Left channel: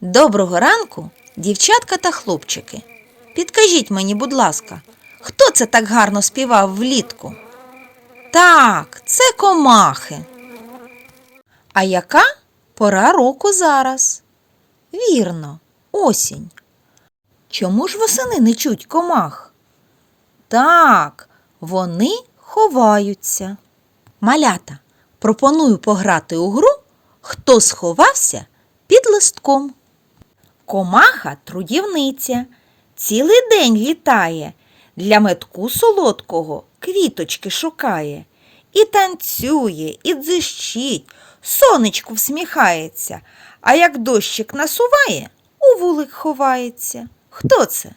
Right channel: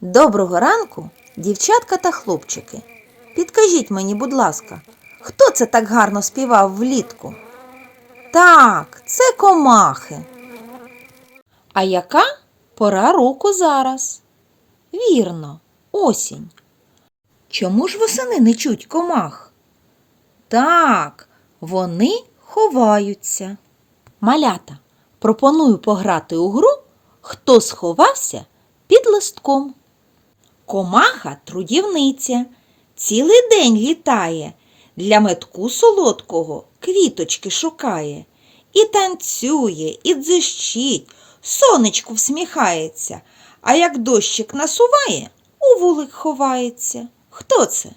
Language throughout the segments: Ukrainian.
Доброго ранку, дівчатка та хлопчики. Підкажіть мені, будь ласка, хто це так гарно співав влітку? Так, це комахи. А яка пора року зараз? Вірно, осінь. Чому ж восени не чуть комах? Так, вони ховаються. Малята, пропоную пограти у гру Хто сховався під листком. Комаха трудівниця, цілий день літає, для метку солодкого квіточки шукає. І танцює, і дзищить, сонечку всміхається, а як дощик насуває, у вулик ховається. Хто це?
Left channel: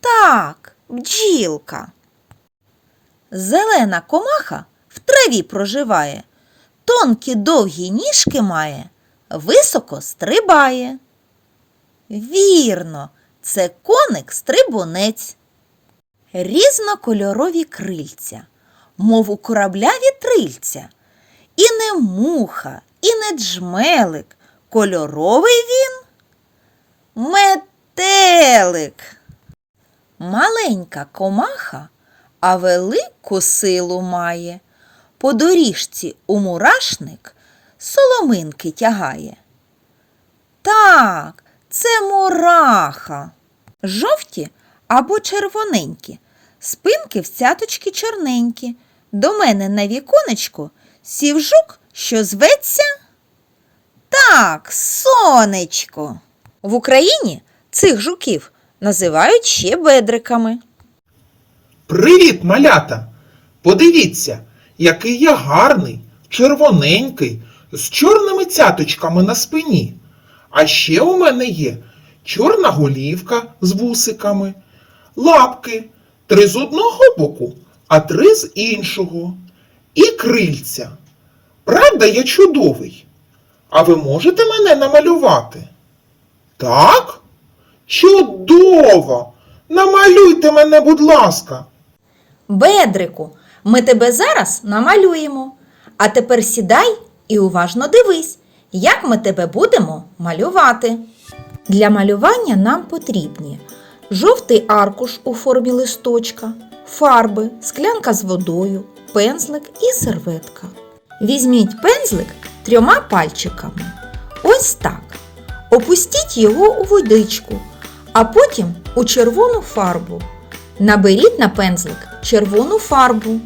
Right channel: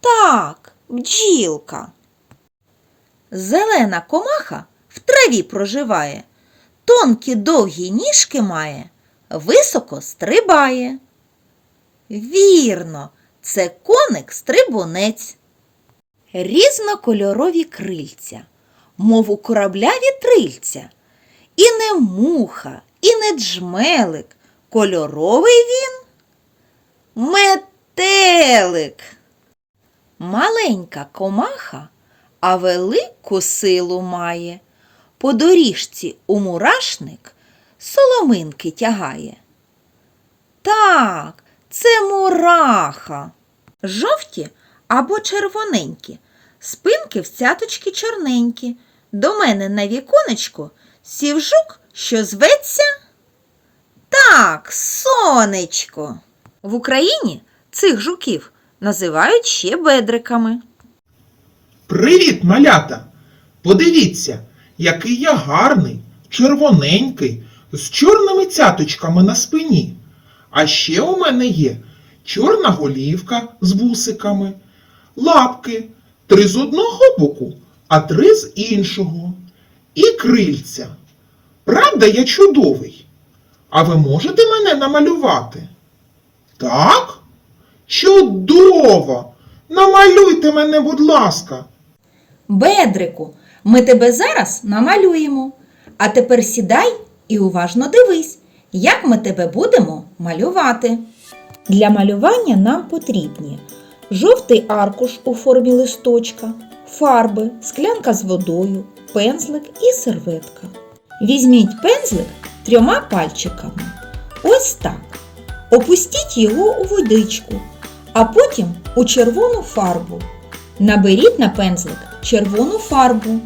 Так, бджілка. Зелена комаха в траві проживає, тонкі довгі ніжки має, високо стрибає. Вірно, це коник стрибунець. Різнокольорові крильця, мов у корабля вітрильця. І не муха, і не джмелик. Кольоровий він метелик. Маленька комаха, а велику силу має. По доріжці у мурашник соломинки тягає. Так, це мураха. Жовті або червоненькі, спинки в цяточки чорненькі. До мене на віконечку сів жук, що зветься. Так, сонечко. В Україні цих жуків називають ще бедриками. Привіт, малята! Подивіться, який я гарний, червоненький, з чорними цяточками на спині. А ще у мене є чорна голівка з вусиками, лапки, три з одного боку, а три з іншого. І крильця. Правда, я чудовий. А ви можете мене намалювати? Так? Чудово! Намалюйте мене, будь ласка. Бедрику, ми тебе зараз намалюємо. А тепер сідай і уважно дивись, як ми тебе будемо малювати. Для малювання нам потрібні жовтий аркуш у формі листочка, фарби, склянка з водою, пензлик і серветка. Візьміть пензлик трьома пальчиками. Ось так. Опустіть його у водичку, а потім у червону фарбу. Наберіть на пензлик червону фарбу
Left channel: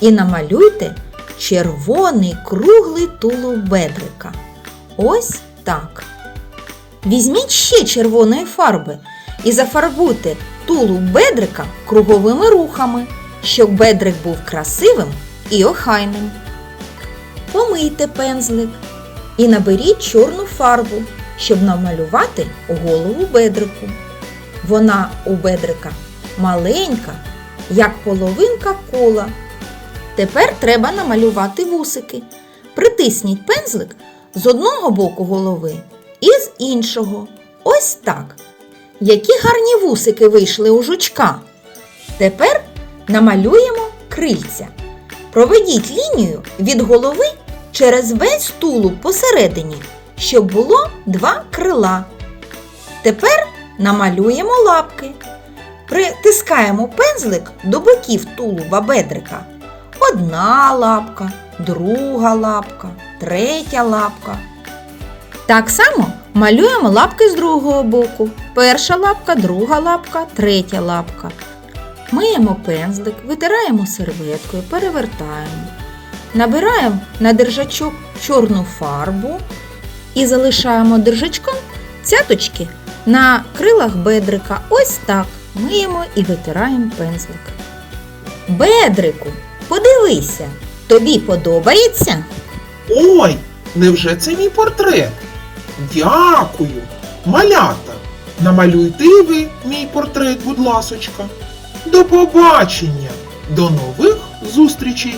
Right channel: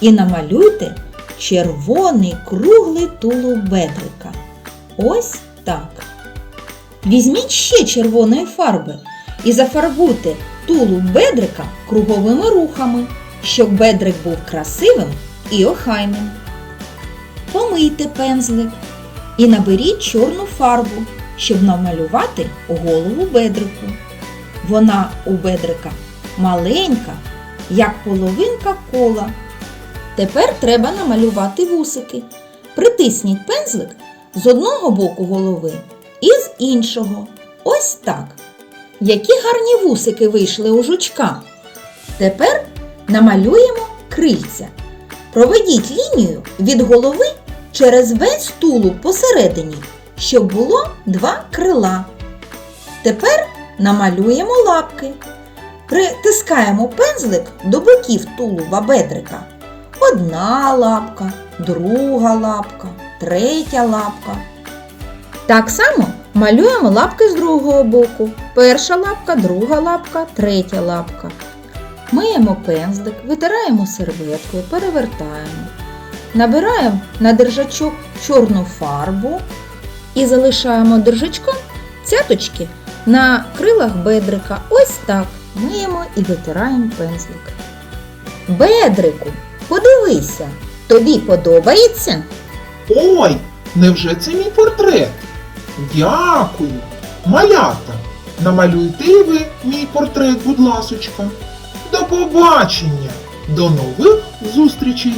і намалюйте червоний круглий тулуб бедрика. Ось так. Візьміть ще червоної фарби і зафарбуйте тулуб бедрика круговими рухами, щоб бедрик був красивим і охайним. Помийте пензлик і наберіть чорну фарбу, щоб намалювати голову бедрику. Вона у бедрика маленька, як половинка кола. Тепер треба намалювати вусики. Притисніть пензлик з одного боку голови і з іншого. Ось так. Які гарні вусики вийшли у жучка. Тепер намалюємо крильця. Проведіть лінію від голови через весь тулуб посередині, щоб було два крила. Тепер намалюємо лапки. Притискаємо пензлик до боків тулуба бедрика. Одна лапка, друга лапка, третя лапка. Так само малюємо лапки з другого боку. Перша лапка, друга лапка, третя лапка. Миємо пензлик, витираємо серветкою, перевертаємо. Набираємо на держачок чорну фарбу і залишаємо держачком цяточки на крилах бедрика. Ось так. Миємо і витираємо пензлик. Бедрику, подивися, тобі подобається? Ой, невже це мій портрет? Дякую. Малята, намалюйте ви мій портрет, будь ласочка. До побачення, до нових зустрічей!